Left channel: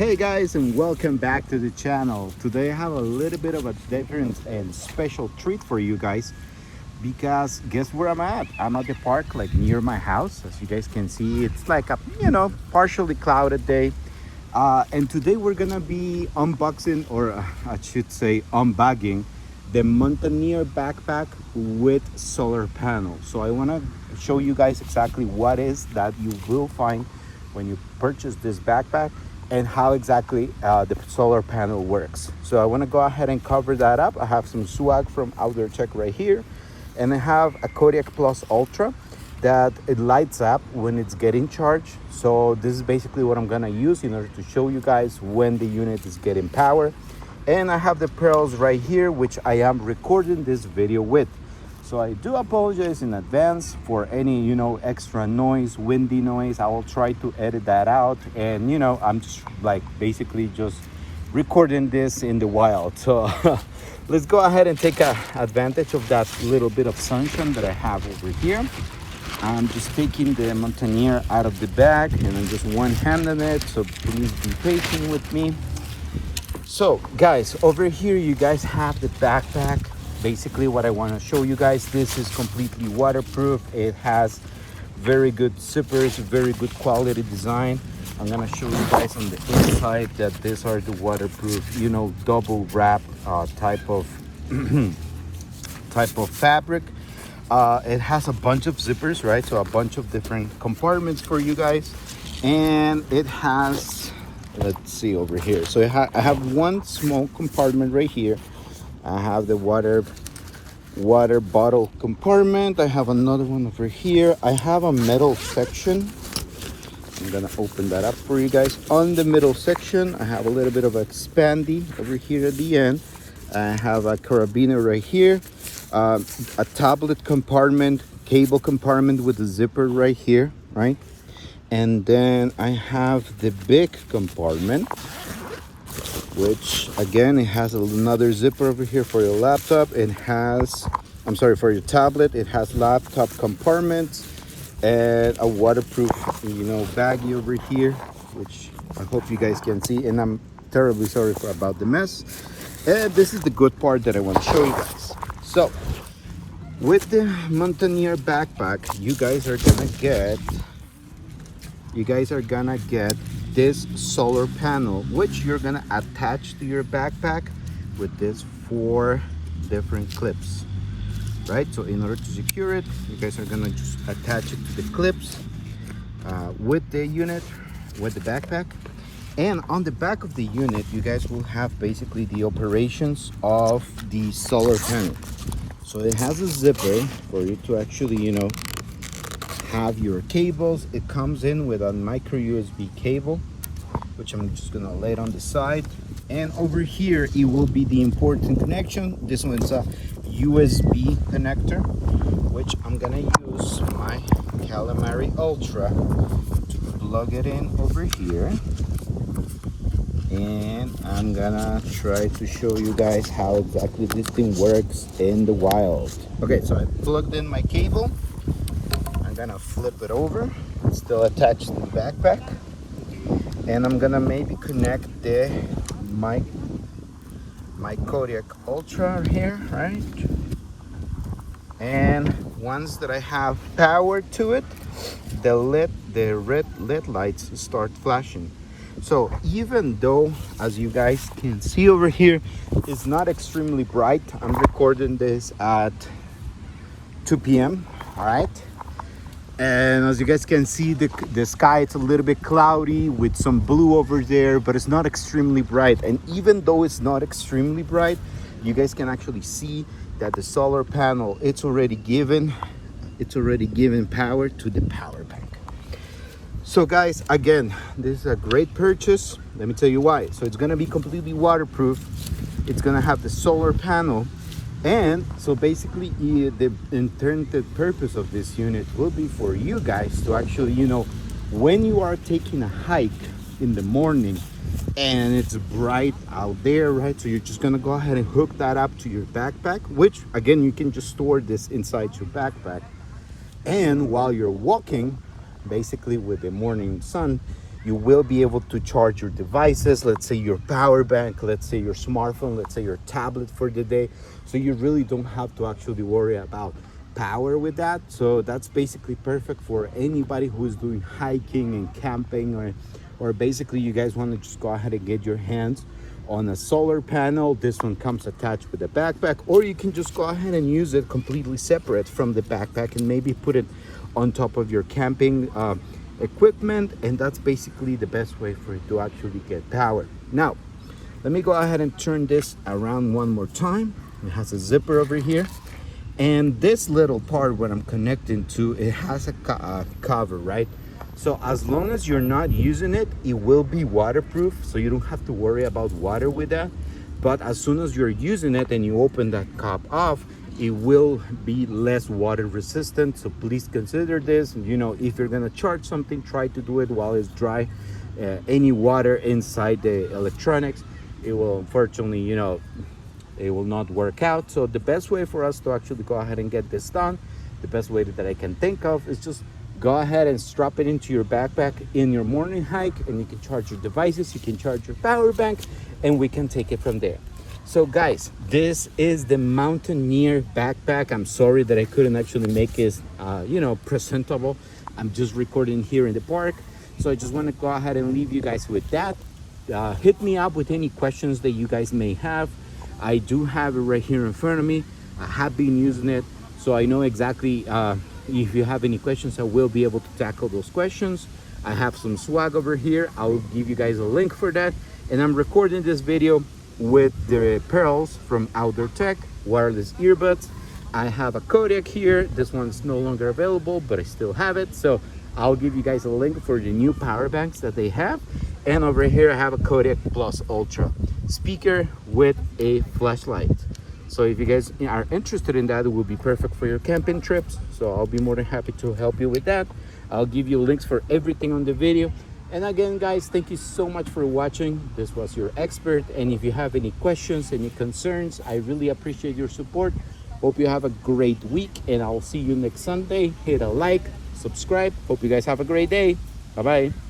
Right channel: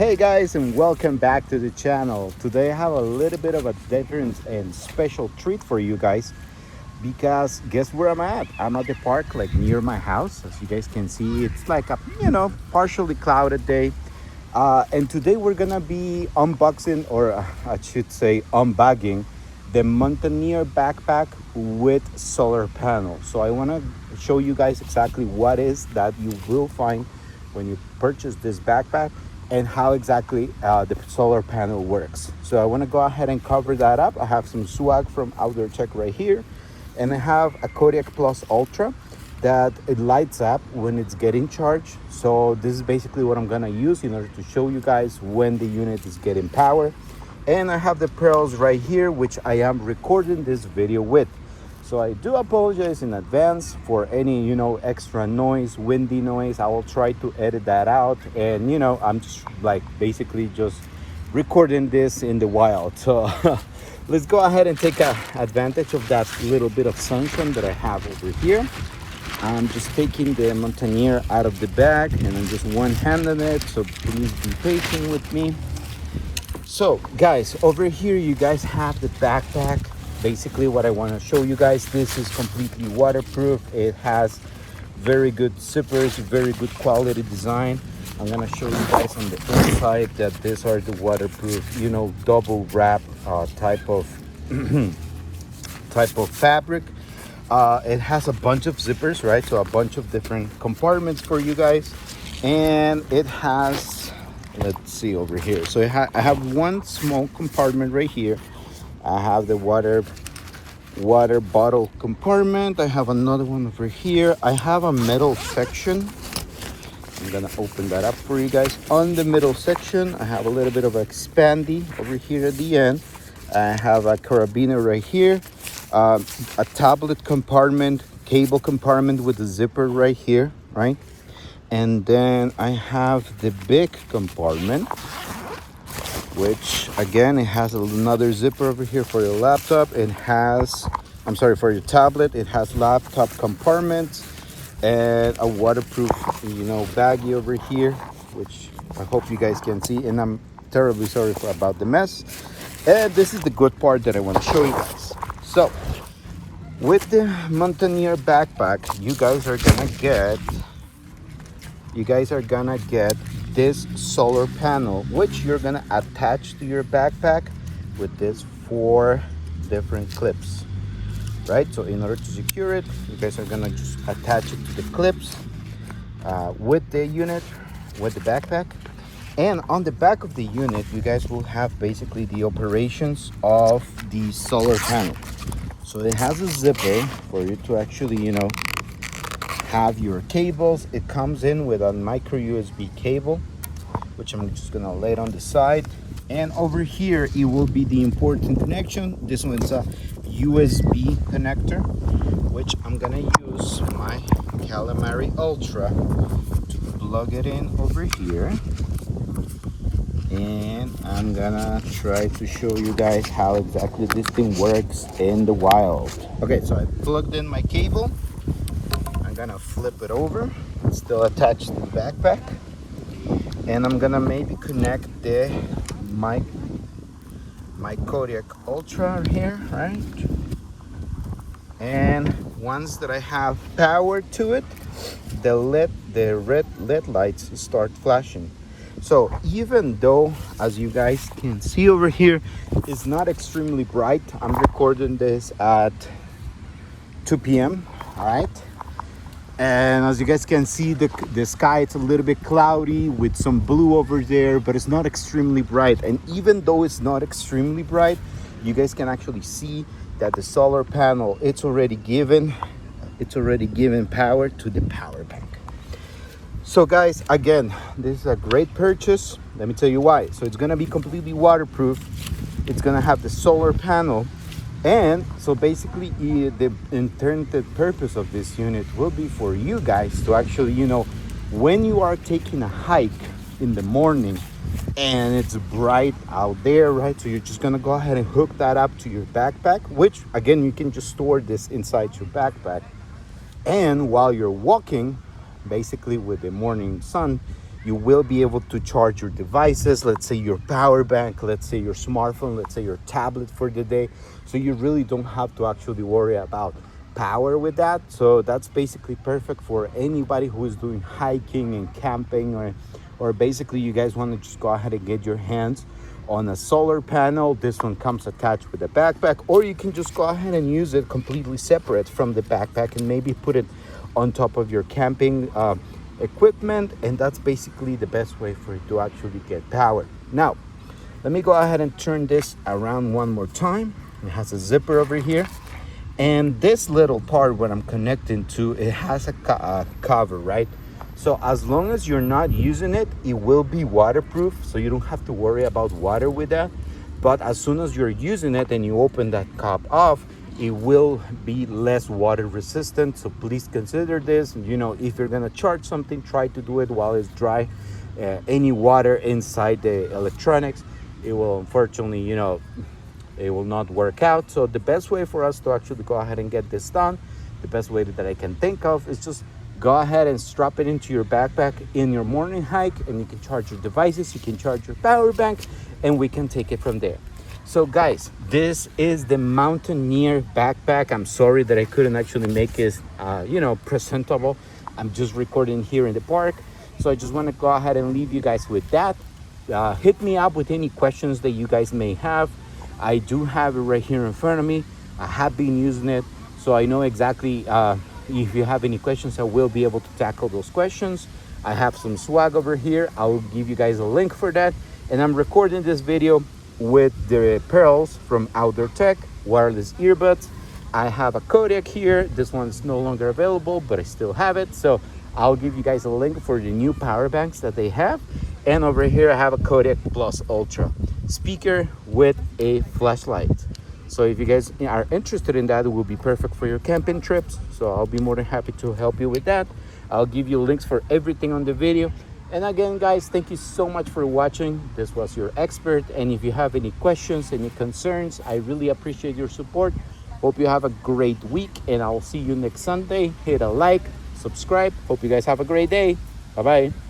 Hey guys, and welcome back to the channel. Today I have a little bit of a different and special treat for you guys, because guess where I'm at? I'm at the park, like near my house. As you guys can see, it's like a partially clouded day, and today we're gonna be unboxing, or I should say unbagging, the Mountaineer backpack with solar panel. So I want to show you guys exactly what is that you will find when you purchase this backpack, and how exactly the solar panel works. So I want to go ahead and cover that up. I have some swag from Outdoor Tech right here, and I have a Kodiak Plus Ultra that it lights up when it's getting charged. So this is basically what I'm gonna use in order to show you guys when the unit is getting power. And I have the pearls right here, which I am recording this video with. So I do apologize in advance for any, extra noise, windy noise. I will try to edit that out. And, I'm just like basically just recording this in the wild. So let's go ahead and take advantage of that little bit of sunshine that I have over here. I'm just taking the Mountaineer out of the bag, and I'm just one-handing it. So please be patient with me. So guys, over here you guys have the backpack. Basically what I want to show you guys, this is completely waterproof. It has very good zippers, very good quality design. I'm gonna show you guys on the inside that these are the waterproof, double wrap type of fabric. It has a bunch of zippers, right? So a bunch of different compartments for you guys. And it has, let's see over here. So I have one small compartment right here. I have the water bottle compartment. I have another one over here. I have a metal section. I'm gonna open that up for you guys. On the middle section, I have a little bit of expandy over here at the end. I have a carabiner right here, a tablet compartment, cable compartment with a zipper right here, right? And then I have the big compartment, which again, it has another zipper over here for your laptop. For your tablet. It has laptop compartment and a waterproof, baggie over here, which I hope you guys can see. And I'm terribly sorry about the mess. And this is the good part that I want to show you guys. So with the Mountaineer backpack, you guys are gonna get this solar panel, which you're gonna attach to your backpack with this 4 different clips, right? So in order to secure it, you guys are gonna just attach it to the clips with the unit, with the backpack. And on the back of the unit, you guys will have basically the operations of the solar panel. So it has a zipper for you to actually, have your cables. It comes in with a micro USB cable, which I'm just gonna lay it on the side. And over here, it will be the important connection. This one's a USB connector, which I'm gonna use my Calamari Ultra to plug it in over here. And I'm gonna try to show you guys how exactly this thing works in the wild. Okay, so I plugged in my cable. I'm gonna flip it over. It's still attached to the backpack. And I'm gonna maybe connect my Kodiak Ultra here, right? And once that I have power to it, the red LED lights start flashing. So even though, as you guys can see over here, it's not extremely bright. I'm recording this at 2 p.m. all right? And as you guys can see, the sky, it's a little bit cloudy with some blue over there, but it's not extremely bright. And even though it's not extremely bright, you guys can actually see that the solar panel, it's already given power to the power bank. So guys, again, this is a great purchase. Let me tell you why. So it's gonna be completely waterproof. It's gonna have the solar panel. And so basically the intended purpose of this unit will be for you guys to actually, when you are taking a hike in the morning and it's bright out there, right? So you're just gonna go ahead and hook that up to your backpack, which again, you can just store this inside your backpack. And while you're walking, basically with the morning sun, You will be able to charge your devices, let's say your power bank, let's say your smartphone, let's say your tablet for the day. So you really don't have to actually worry about power with that. So that's basically perfect for anybody who is doing hiking and camping, or basically you guys want to just go ahead and get your hands on a solar panel. This one comes attached with a backpack, or you can just go ahead and use it completely separate from the backpack and maybe put it on top of your camping equipment, and that's basically the best way for you to actually get power. Now let me go ahead and turn this around one more time. It has a zipper over here, and this little part where I'm connecting to, it has a cover, right? So as long as you're not using it, it will be waterproof, so you don't have to worry about water with that. But as soon as you're using it and you open that cap off, it will be less water resistant. So please consider this. You know, if you're gonna charge something, try to do it while it's dry. Any water inside the electronics, it will unfortunately, you know, it will not work out. So the best way for us to actually go ahead and get this done, the best way that I can think of, is just go ahead and strap it into your backpack in your morning hike, and you can charge your devices, you can charge your power banks, and we can take it from there. So guys, this is the Mountaineer backpack. I'm sorry that I couldn't actually make it you know, presentable. I'm just recording here in the park, so I just want to go ahead and leave you guys with that. Hit me up with any questions that you guys may have. I do have it right here in front of me. I have been using it, so I know exactly if you have any questions, I will be able to tackle those questions. I have some swag over here. I'll give you guys a link for that. And I'm recording this video with the pearls from Outdoor Tech wireless earbuds. I have a Kodak here. This one's no longer available, but I still have it. So I'll give you guys a link for the new power banks that they have. And over here I have a Kodak Plus Ultra speaker with a flashlight. So if you guys are interested in that, it will be perfect for your camping trips. So I'll be more than happy to help you with that. I'll give you links for everything on the video. And again, guys, thank you so much for watching. This was your expert. And if you have any questions, any concerns, I really appreciate your support. Hope you have a great week, and I'll see you next Sunday. Hit a like, subscribe. Hope you guys have a great day. Bye-bye.